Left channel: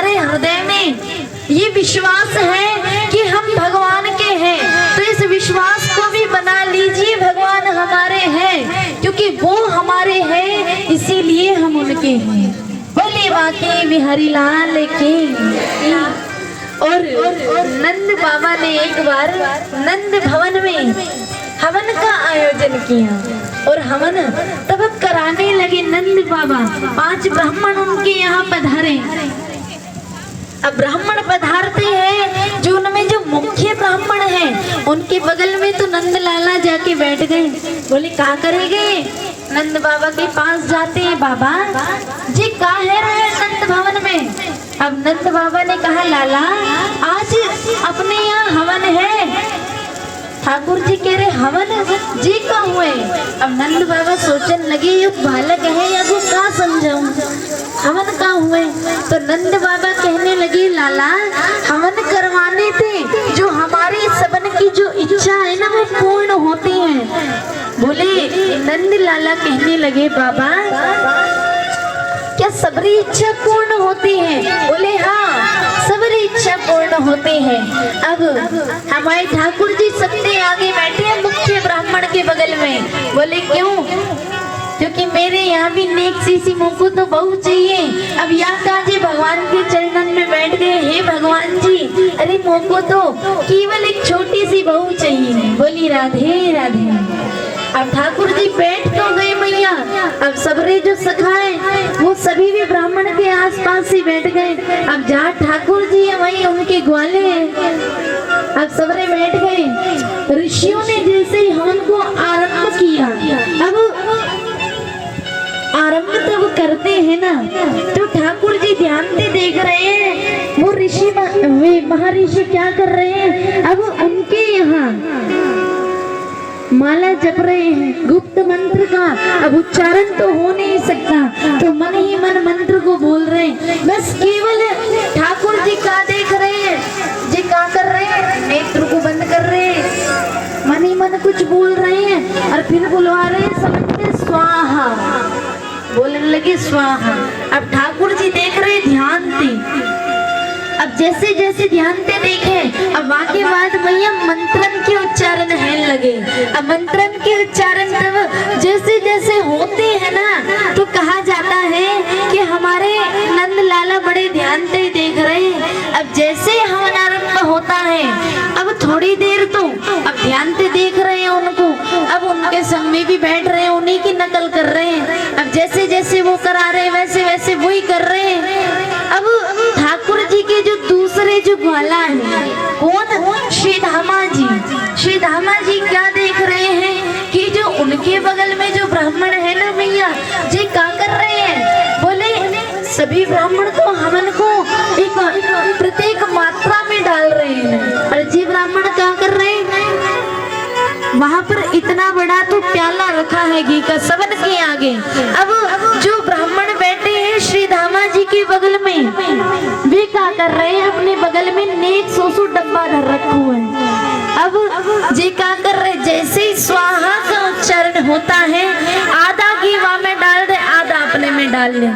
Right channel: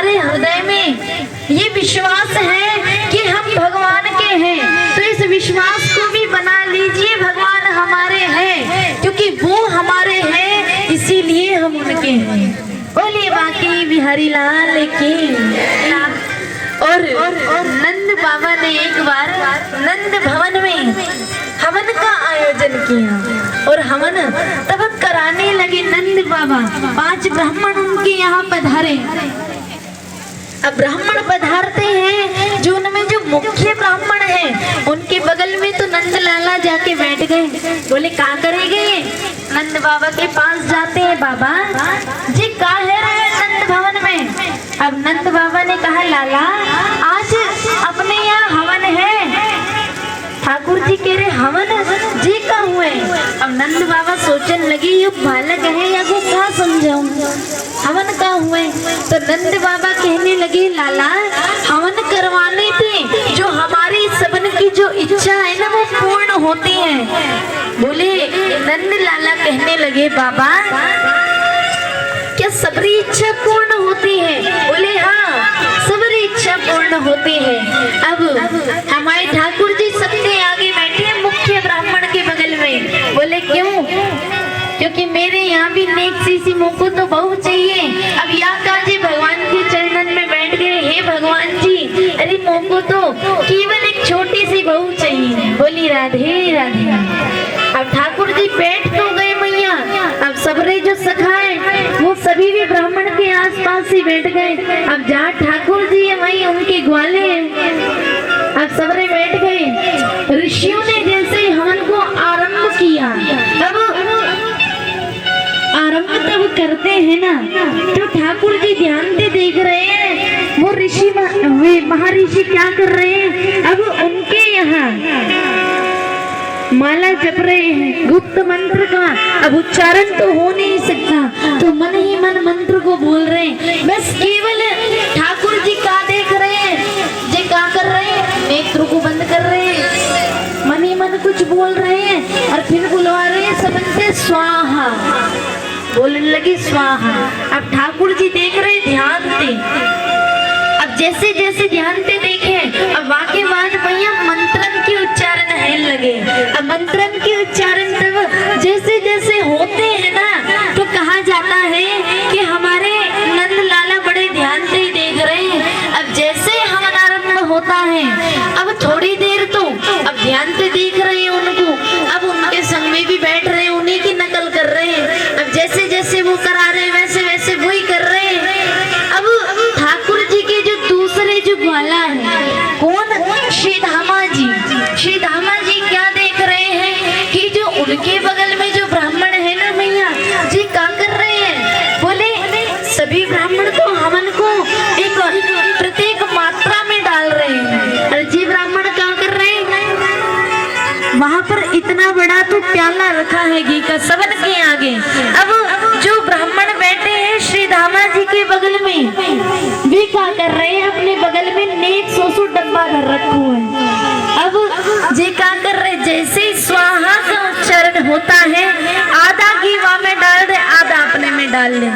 हमारे हृदय में ये विश्वास है कि हम भगवान के हैं, तो इस विश्वास को भी बना लीजिए भगवान हमारे हैं, क्योंकि वो हमारे हैं इसीलिए हम उनके हैं। बोलिए बाकी बिहारी लाल की। और नंद बाबा ने एक बार नंद भवन में हवन का आयोजन किया और हवन तब कराने लगे नंद बाबा। 5 ब्राह्मण उनके यहाँ पधारे। अब ब्राह्मण पधारते हैं, जो उनमें जो मुख्य ब्राह्मण हैं उनके बगल में तो नंद लाला जाके बैठ गए। बोले क्या करेंगे? नंद बाबा के पास जाते हैं, बाबा जी काहे रहे नंद भवन में? अब नंद बाबा ने कहा, लाला आज अपने यहाँ हवन है। ठाकुर जी कह रहे हवन जी का हुए। अब नंद बाबा सोचने लगे ये बालक है या वो क्या समझाऊं, हवन का हुए। तो नंद बाबा कहने लगे, लाला हवन करवाने थे, जो हमारी सबन की जो इच्छा है ना वो पूर्ण होती है। बोले नंद लाला कहने लगे, बाबा क्या सबरी इच्छा पूर्ण होती है? बोले हाँ सबरी इच्छा पूर्ण होती है। अब हमारे ठाकुर जी सबसे आगे बैठे हैं मुख्य ब्राह्मण के बगल में। बोले क्यों? क्योंकि मेरे यहाँ भी नेक सी मुझको तो बहू चाहिए। अब या जी भगवान के चरणन में बैठ गए, हे भगवान जी अरे मुझको तो केवल एक छोटी सी बहू चाहिए। बोली राधे राधे। अब ठाकुर जी बैठ तो गए मैया। अब सबरे जो सखाए वो सभी भी ब्राह्मण के आसपास ही बैठ गए। अब जहाँ ठाकुर जी है वहीं उनके ग्वाले हैं। अब सबरे बैठ गए। ऋषियों ने जैसे हवन को आरंभ किया, अब आरंभ तब करते हैं ना, तो ठाकुर जी ध्यान से देख रहे हैं वो ऋषि महर्षि क्या कर रहे हैं। अब उनके यहाँ माला जप रहे हैं गुप्त मंत्र का। अब उच्चारण तो हो नहीं सकता, तो मन ही मन मंत्र को बोल रहे हैं। बस केवल ठाकुर जी का देख रहे हैं, जी क्या कर रहे हैं, नेत्र को बंद कर रहे हैं, मन ही मन कुछ बोल रहे हैं और फिर बुलवा रहे हैं सबसे स्वाहा, बोलने लगे स्वाहा। अब ठाकुर जी देख रहे हैं ध्यान से। अब जैसे जैसे ध्यान से देखे, अब वाके बाद भैया मंत्रन के उच्चारण है लगे। अब मंत्रन के उच्चारण तब जैसे जैसे होते हैं ना, तो कहा जाता है कि हमारे नंद लाला बड़े ध्यान से ही देख रहे हैं। अब जैसे हवन आरंभ होता है, अब थोड़ी देर तो अब ध्यान से देख रहे हैं उनको, अब उनके संग में भी बैठ रहे हैं, उन्हीं की नकल कर रहे हैं। अब जैसे जैसे वो करा रहे हैं वैसे वैसे वो ही कर रहे हैं। अब ठाकुर जी के जो दूसरे जो ग्वाला है, कौन? श्री धामा जी। श्री धामा जी क्या देख रहे हैं कि जो उनके बगल में जो ब्राह्मण है ना मैया जी क्या कर रहे हैं? बोले सभी ब्राह्मण को हवन को एक प्रत्येक मात्रा में डाल रहे हैं। और जी ब्राह्मण क्या कर रहे हैं? वहाँ पर इतना बड़ा तो प्याला रखा है घी का सबन के आगे। अब जो ब्राह्मण बैठे हैं श्री धामा जी के बगल में भी क्या कर रहे हैं? अपने बगल में नेक सोसु डब्बा धर रखा है। अब जी क्या कर रहे हैं? जैसे ही स्वाहा का उच्चारण होता है, आधा घी वहाँ में डाल दे, आधा अपने में डाल ले।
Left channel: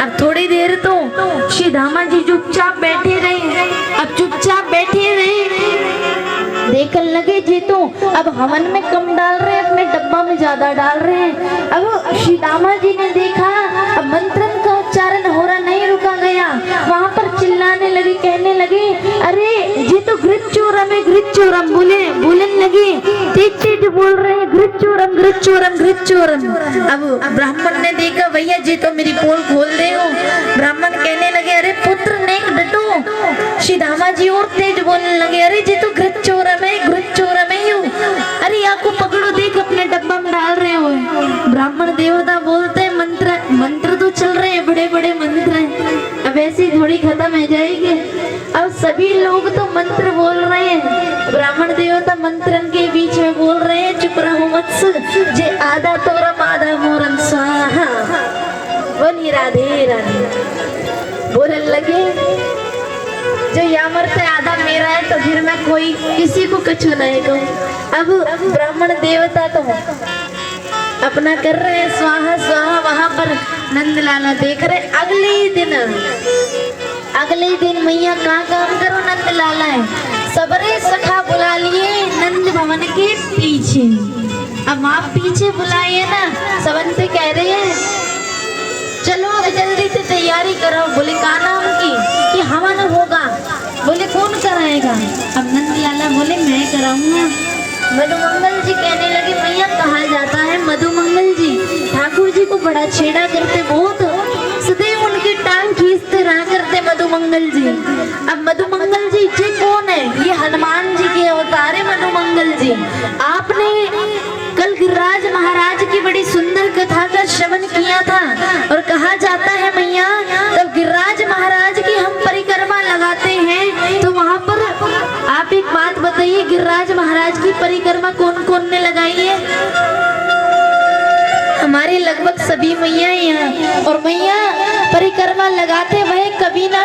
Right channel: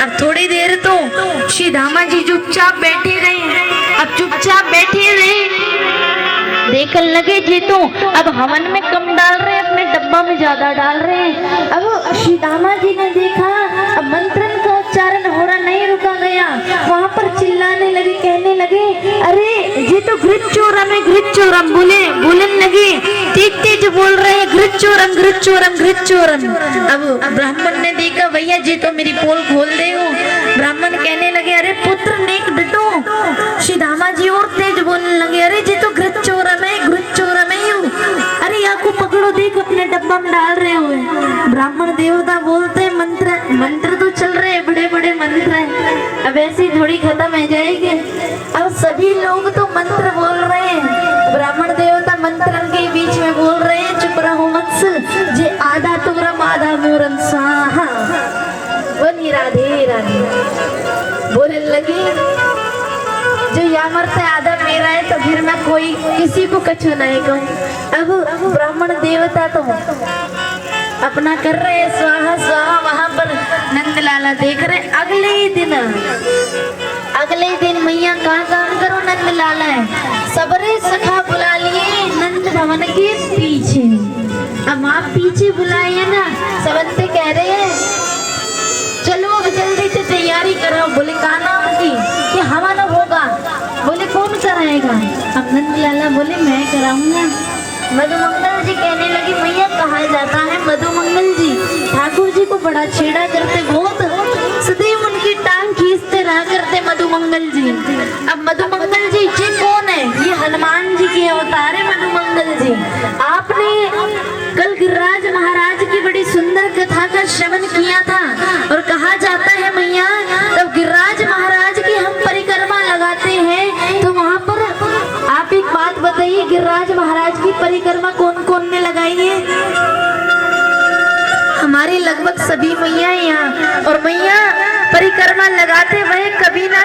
अब थोड़ी देर तो श्री धामा जी चुपचाप बैठे रहे। अब चुपचाप बैठे रहे, देखने लगे जी तो अब हवन में कम डाल रहे हैं, अपने डब्बा में ज्यादा डाल रहे हैं। अब श्री दामा जी ने देखा अब मंत्रन का उच्चारण हो रहा नहीं, रुका गया। वहाँ पर चिल्लाने लगे, कहने लगे अरे ये तो घृत चोरम है, घृत चोरम। बोलने लगे, तेज तेज बोल रहे हैं घृत चोरम, घृत चोरम, घृत चोरम। अब ब्राह्मण ने देखा भैया जी तो मेरी पोल खोल दे हो। ब्राह्मण कहने लगे अरे पुत्र नेक बेटो। श्री दामा जी और तेज बोलने लगे, अरे जी तो घृत चोरम है, घृत चोरम है। अरे आपको पकड़ो, देख अपने डब्बा में डाल रहे हो। ब्राह्मण देवता बोलते हैं मंत्र तो चल रहे हैं, बड़े बड़े मंत्र हैं, अब ऐसे ही थोड़ी खत्म हो जाएंगे। अब सभी लोग तो मंत्र बोल रहे हैं, ब्राह्मण देवता मंत्रन के बीच में बोल रहे हैं चुप रहो मत्स, जे आधा तोरम आधा मोरम स्वाहा। बोली राधे राधे। बोलने लगे जो यहाँ मरते आधा मेरा है, तो फिर मैं कोई किसी को कछु नहीं कहूँ। अब ब्राह्मण देवता तो अपना कर रहे हैं स्वाहा स्वाहा। वहां पर नंद लाला देख रहे। अगले अगले दिन मैया का काम करो नंद लाला है सबरे सखा बुला लिए नंद भवन के पीछे। अब आप पीछे बुलाए ना, सवंती कह रहे हैं चलो अब जल्दी से तैयारी करो। बोले का नाम की कि हवन होगा। बोले कौन कराएगा। अब नंद लाला बोले मैं कराऊंगा। मधुमंगल जी कहने लगे मैया कहा जाता है मधुमंगल जी ठाकुर जी को बड़ा छेड़ा करते, बहुत सदैव उनकी टांग खींचते रहा करते मधुमंगल जी। अब मधुमंगल जी कौन है, ये हनुमान जी के अवतार है मधुमंगल जी। आपने कल गिरिराज महाराज की बड़ी सुंदर कथा का श्रवण किया था और कहा जाता है मैया तब गिरिराज महाराज की हम परिक्रमा लगाते हैं तो वहाँ पर आप एक बात बताइए गिरिराज महाराज की परिक्रमा कौन कौन ने लगाई है। हमारे लगभग सभी मैया यहाँ, और मैया परिक्रमा लगाते वह कभी ना